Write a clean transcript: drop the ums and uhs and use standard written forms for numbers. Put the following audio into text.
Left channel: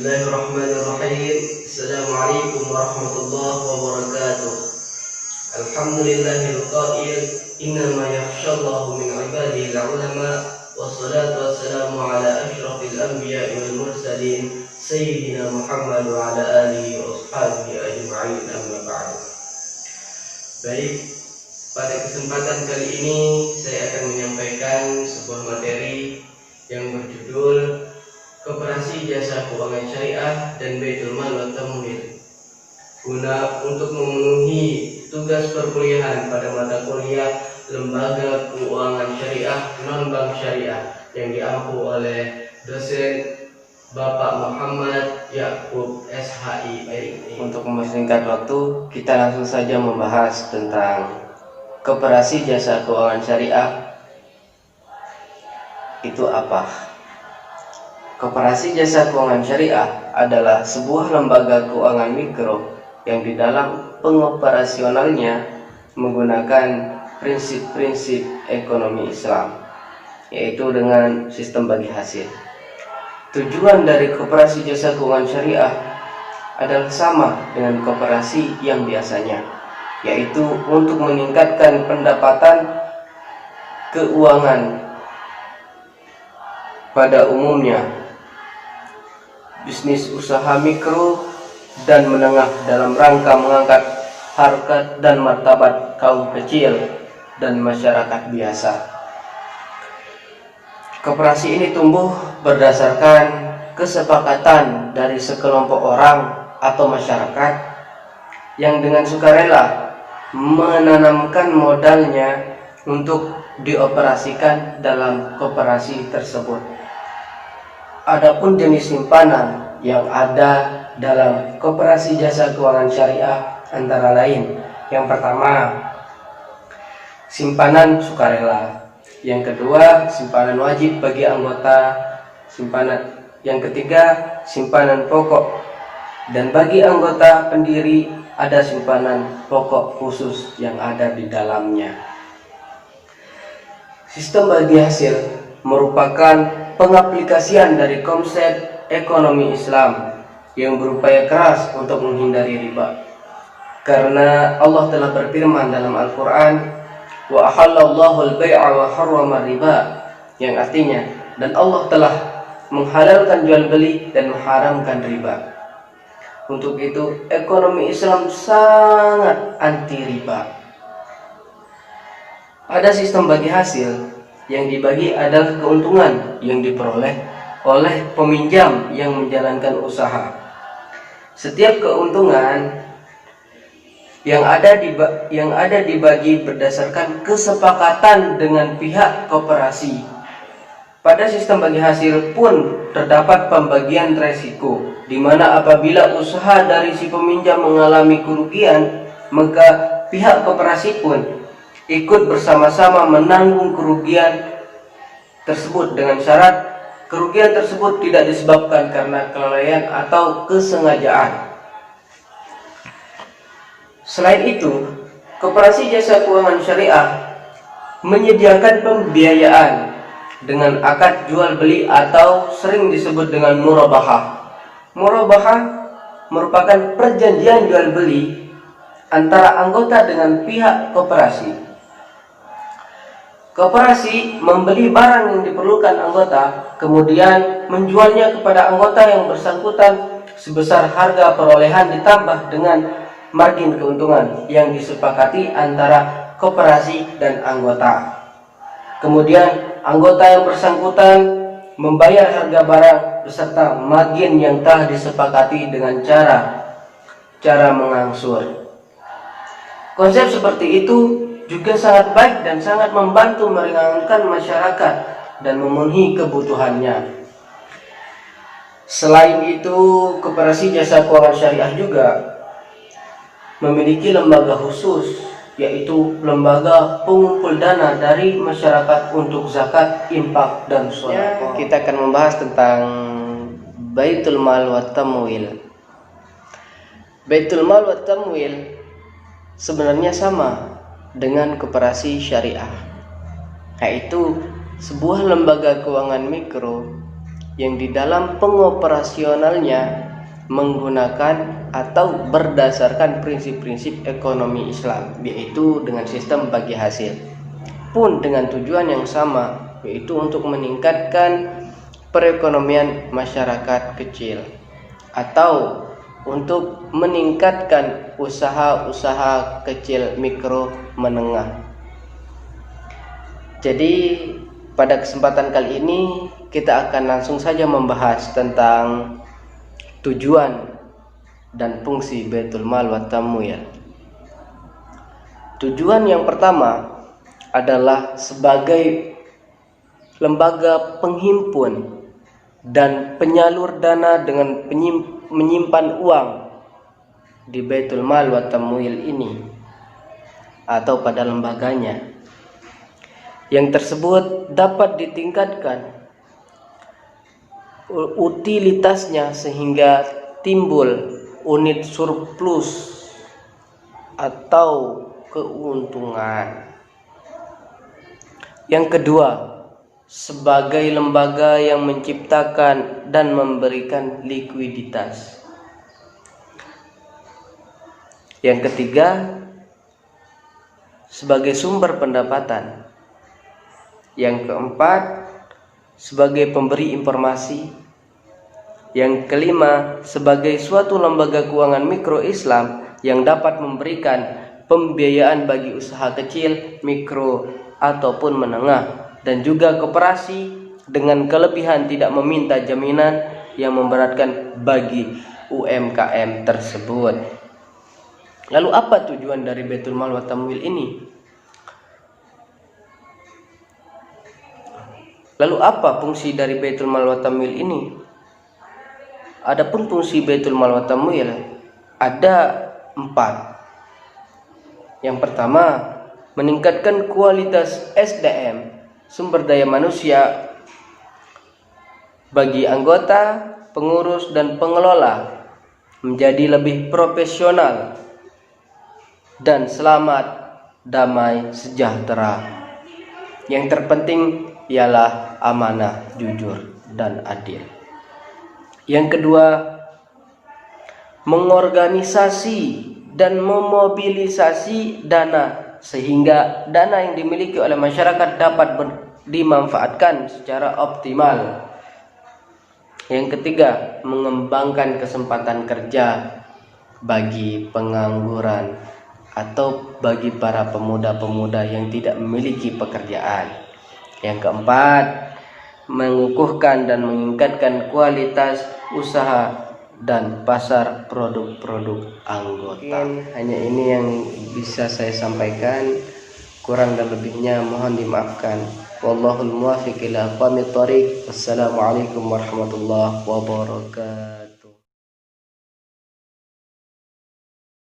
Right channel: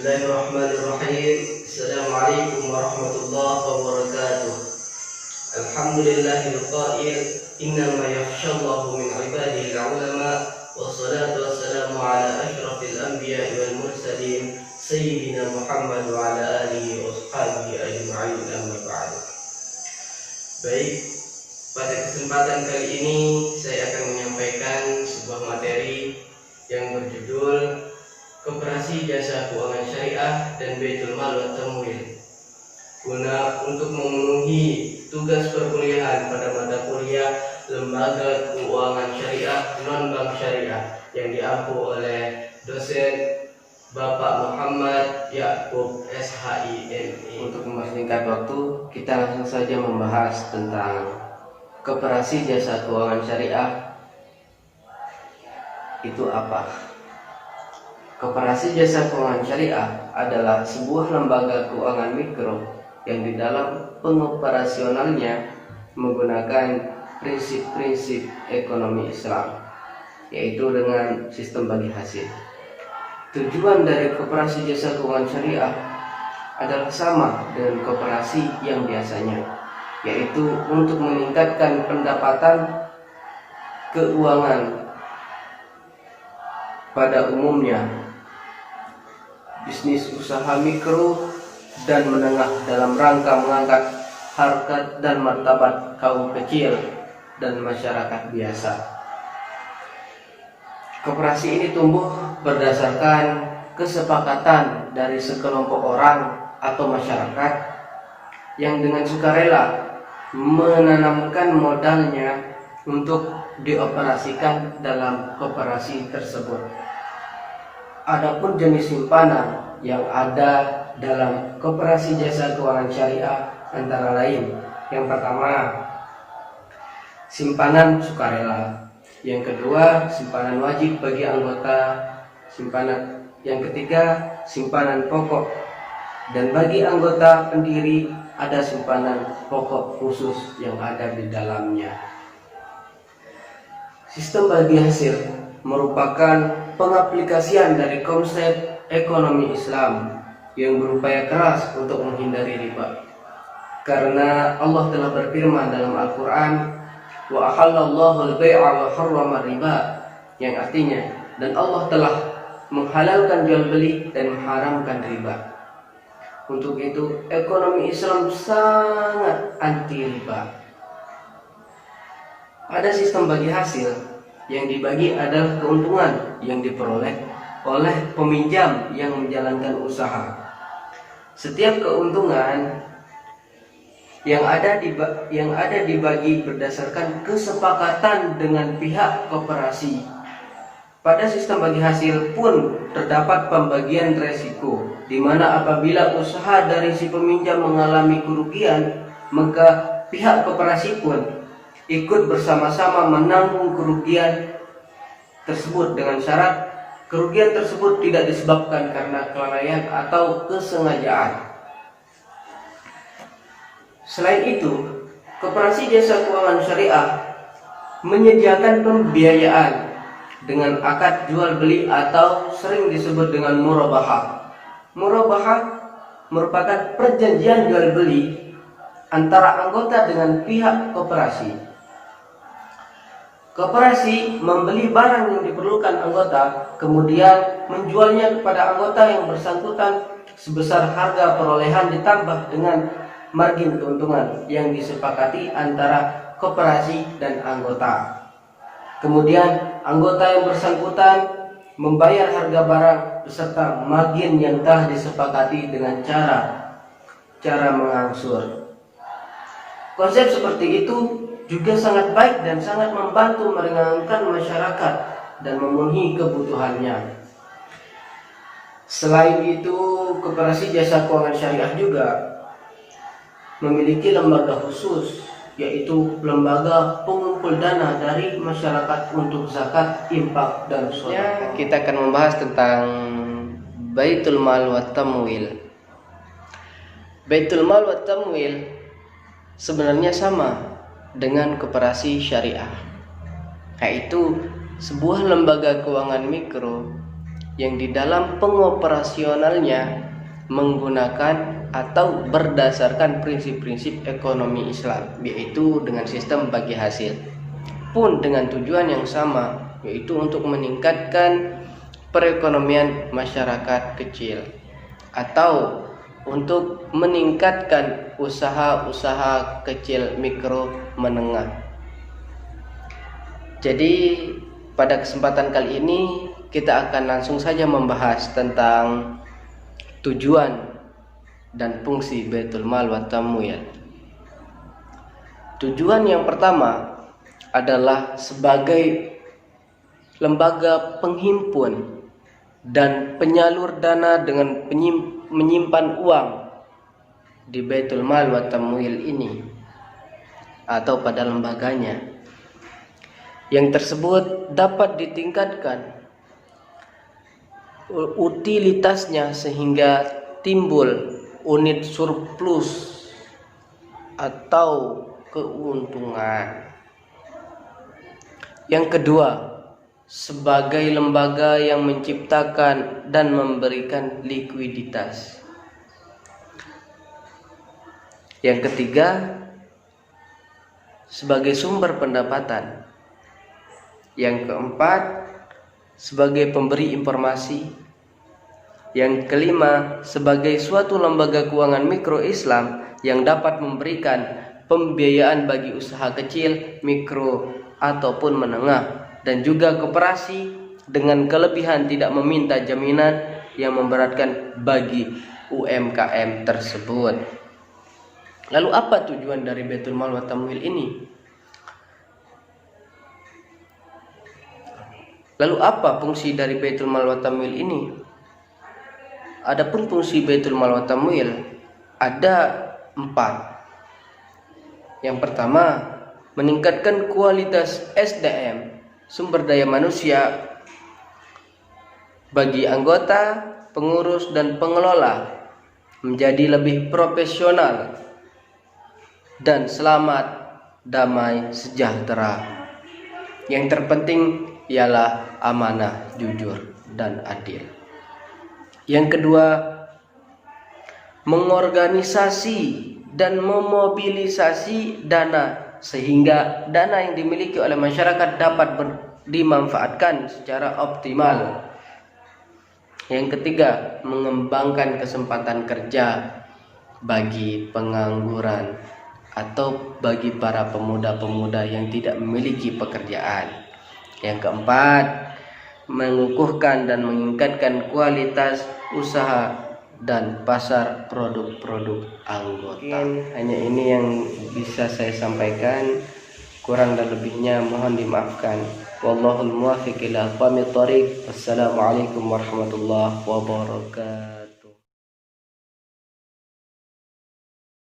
Bismillahirrahmanirrahim. Assalamualaikum warahmatullahi wabarakatuh. Alhamdulillahil qail innama yakhshallahu min ibadihi al-ulama wassalatu wassalamu ala asyrafil anbiya'i wal mursalin sayyidina Muhammad wa ala alihi wa ashabihi ajma'in, amma ba'du. Baik, pada kesempatan kali ini saya akan menyampaikan sebuah materi yang berjudul Koperasi Jasa Keuangan Syariah dan Baitul Mal wa Tamwil, guna untuk memenuhi tugas perkuliahan pada mata kuliah Lembaga Keuangan Syariah Non-Bank Syariah yang diampu oleh dosen Bapak Muhammad Ya'qub SHI MI. Untuk mempersingkat waktu, kita langsung saja membahas tentang Koperasi Jasa Keuangan Syariah itu apa? Koperasi Jasa Keuangan Syariah adalah sebuah lembaga keuangan mikro yang di dalam pengoperasionalnya menggunakan prinsip-prinsip ekonomi Islam, yaitu dengan sistem bagi hasil. Tujuan dari Koperasi Jasa Keuangan Syariah adalah sama dengan koperasi yang biasanya, yaitu untuk meningkatkan pendapatan keuangan pada umumnya, bisnis usaha mikro dan menengah dalam rangka mengangkat harkat dan martabat kaum kecil dan masyarakat biasa. Koperasi ini tumbuh berdasarkan kesepakatan dari sekelompok orang atau masyarakat yang dengan sukarela menanamkan modalnya untuk dioperasikan dalam koperasi tersebut. Adapun jenis simpanan yang ada dalam Koperasi Jasa Keuangan Syariah antara lain: yang pertama, simpanan sukarela; yang kedua, simpanan wajib bagi anggota; yang ketiga, simpanan pokok; dan bagi anggota pendiri ada simpanan pokok khusus yang ada di dalamnya. Sistem bagi hasil merupakan pengaplikasian dari konsep ekonomi Islam yang berupaya keras untuk menghindari riba. Karena Allah telah berfirman dalam Al-Quran, wa ahallallahu al-bai'a wa harrama riba, yang artinya, dan Allah telah menghalalkan jual beli dan mengharamkan riba. Untuk itu ekonomi Islam sangat anti riba. Pada sistem bagi hasil, yang dibagi adalah keuntungan yang diperoleh oleh peminjam yang menjalankan usaha. Setiap keuntungan yang ada dibagi berdasarkan kesepakatan dengan pihak koperasi. Pada sistem bagi hasil pun terdapat pembagian resiko, di mana apabila usaha dari si peminjam mengalami kerugian, maka pihak koperasi pun ikut bersama-sama menanggung kerugian tersebut dengan syarat kerugian tersebut tidak disebabkan karena kelalaian atau kesengajaan. Selain itu, Koperasi Jasa Keuangan Syariah menyediakan pembiayaan dengan akad jual beli atau sering disebut dengan murabahah. Murabahah merupakan perjanjian jual beli antara anggota dengan pihak koperasi. Koperasi membeli barang yang diperlukan anggota, kemudian menjualnya kepada anggota yang bersangkutan sebesar harga perolehan ditambah dengan margin keuntungan yang disepakati antara koperasi dan anggota. Kemudian anggota yang bersangkutan membayar harga barang beserta margin yang telah disepakati dengan cara mengangsur. Konsep seperti itu juga sangat baik dan sangat membantu meringankan masyarakat dan memenuhi kebutuhannya. Selain itu, Koperasi Jasa Keuangan Syariah juga memiliki lembaga khusus, yaitu lembaga pengumpul dana dari masyarakat untuk zakat, infak, dan sedekah. Kita akan membahas tentang Baitul Mal wa Tamwil. Baitul Mal wa Tamwil sebenarnya sama dengan koperasi syariah, yaitu sebuah lembaga keuangan mikro yang di dalam pengoperasionalnya menggunakan atau berdasarkan prinsip-prinsip ekonomi Islam, yaitu dengan sistem bagi hasil, pun dengan tujuan yang sama, yaitu untuk meningkatkan perekonomian masyarakat kecil atau untuk meningkatkan usaha-usaha kecil mikro menengah. Jadi pada kesempatan kali ini kita akan langsung saja membahas tentang tujuan dan fungsi Baitul Mal wa Tamwil. Tujuan yang pertama adalah sebagai lembaga penghimpun dan penyalur dana dengan menyimpan uang di Baitul Mal wa Tamwil ini atau pada lembaganya, yang tersebut dapat ditingkatkan utilitasnya sehingga timbul unit surplus atau keuntungan. Yang kedua, sebagai lembaga yang menciptakan dan memberikan likuiditas. Yang ketiga, sebagai sumber pendapatan. Yang keempat, sebagai pemberi informasi. Yang kelima, sebagai suatu lembaga keuangan mikro Islam yang dapat memberikan pembiayaan bagi usaha kecil, mikro ataupun menengah, dan juga koperasi dengan kelebihan tidak meminta jaminan yang memberatkan bagi UMKM tersebut. Lalu apa tujuan dari Baitul Mal wa Tamwil ini? Lalu apa fungsi dari Baitul Mal wa Tamwil ini? Adapun fungsi Baitul Mal wa Tamwil ada 4. Yang pertama, meningkatkan kualitas SDM, sumber daya manusia, bagi anggota, pengurus dan pengelola menjadi lebih profesional dan selamat, damai, sejahtera. Yang terpenting ialah amanah, jujur, dan adil. Yang kedua, mengorganisasi dan memobilisasi dana sehingga dana yang dimiliki oleh masyarakat dapat dimanfaatkan secara optimal. Yang ketiga, mengembangkan kesempatan kerja bagi pengangguran atau bagi para pemuda-pemuda yang tidak memiliki pekerjaan. Yang keempat, mengukuhkan dan meningkatkan kualitas usaha dan pasar produk-produk anggota. Mungkin hanya ini yang bisa saya sampaikan, kurang dan lebihnya mohon dimaafkan. Wallahul muwaffiq ila aqwamit thoriq. Wassalamualaikum warahmatullahi wabarakatuh.